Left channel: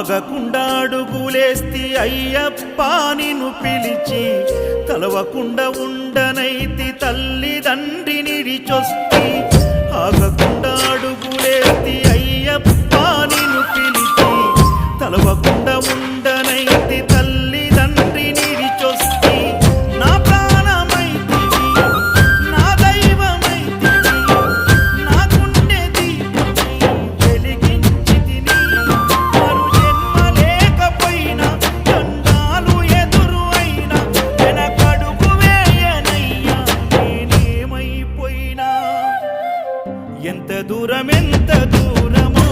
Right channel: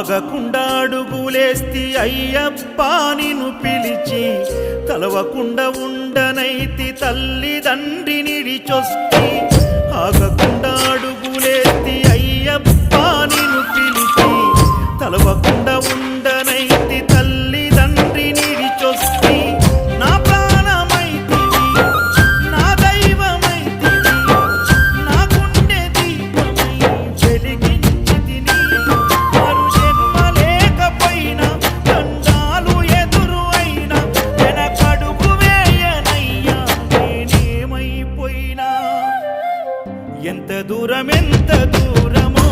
ఆగకుండా అడుగులేస్తి అయ్యప్ప నిన్ను పిలిచి తలవకుండా ఉండనైతి తల్లిదండ్రిని నిడిచొస్తి ఆగకుండా అడుగులేస్తి అయ్యప్ప నిన్ను పిలిచి తలవకుండా ఉండనైతి తల్లిదండ్రిని నిడిచొస్తి నా ప్రాణమైతివి నా దైవమైతివి నా గుండె దీపమై వెలిగించితిని మరు జన్మ లేకపోయినా దండాలు ఎదురు అయినా వెనకడుగు వేయనయ్యా నేనేమైపోయినా ఎంత దూరమో